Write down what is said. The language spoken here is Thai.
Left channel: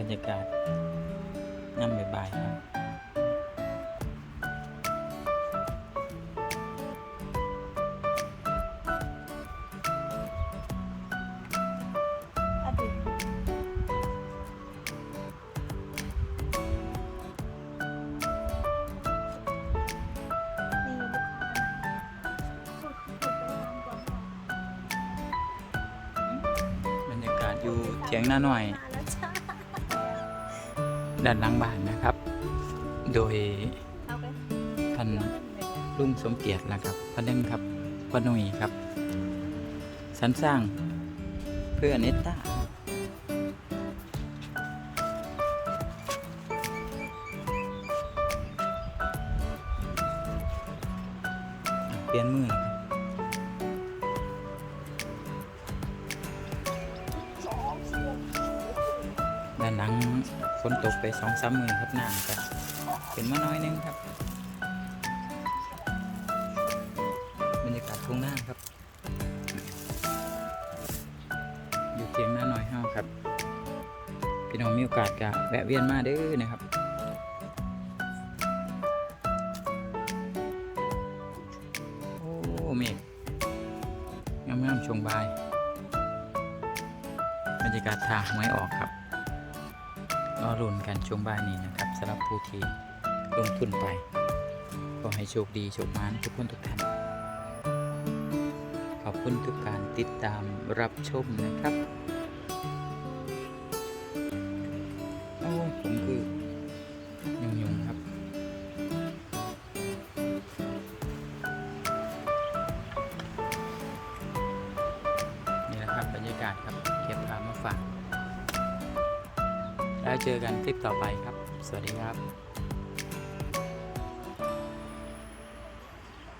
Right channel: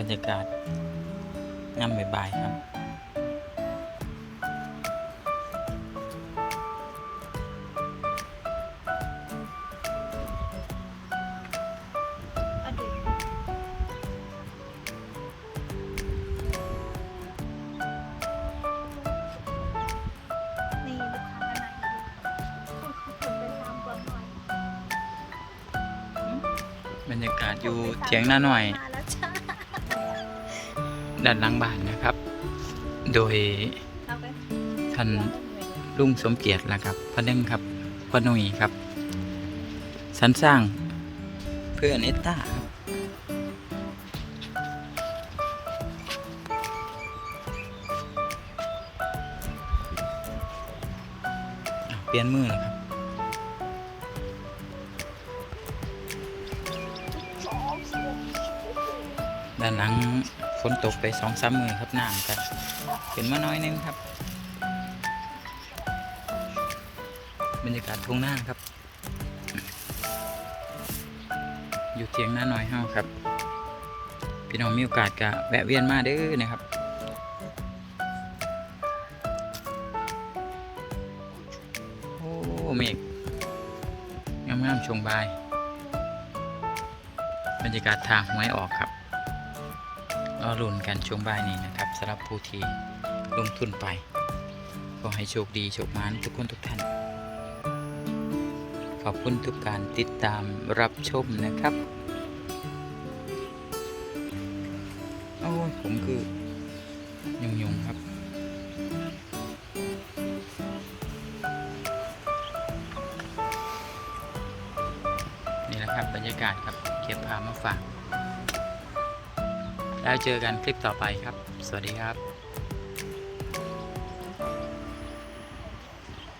รรยากาศย่ำบ่ายๆครับอะดูนี่ลูกค้ากันนะคุณคุณไปตามก่อนหน่อยบรรยากาศอยู่เถียงหน้าหน่อย ด้านหลังบ้านนะครับ โดยท่านลุงสมเกียรตินะครับพระนึงครับพระนุยครับสรรสร้างเพื่อเนตตาเปลี่ยนมือแล้วครับ ด้านหลังฝนตกไปสองสามมือครับน้ำกันเป็นมาน้อยนึงครับ บรรยากาศทุ่งนาครับ อยู่เทียงหน้าหน่อยเฮาครับ พี่น้องมีโอกาสก็แวะเวียนมาเด้อนะครับโอ้เมฆงามๆชงบาย บรรยากาศทางหวยออกครับ รอรุ่นกันช่วงบ่ายนี้นะครับสำหรับผู้ที่ลงทุนไปขอให้โชคดีโชคมานทุกคนทุกท่าน ขอบคุณทุกการติดตามรับชมนะครับโอ้ผมคือยุงยุงครับนี่แหละครับบรรยากาศครับเก็บภาพมาฝาก แล้วเจอกันคลิปต่อไปครับ สวัสดีครับ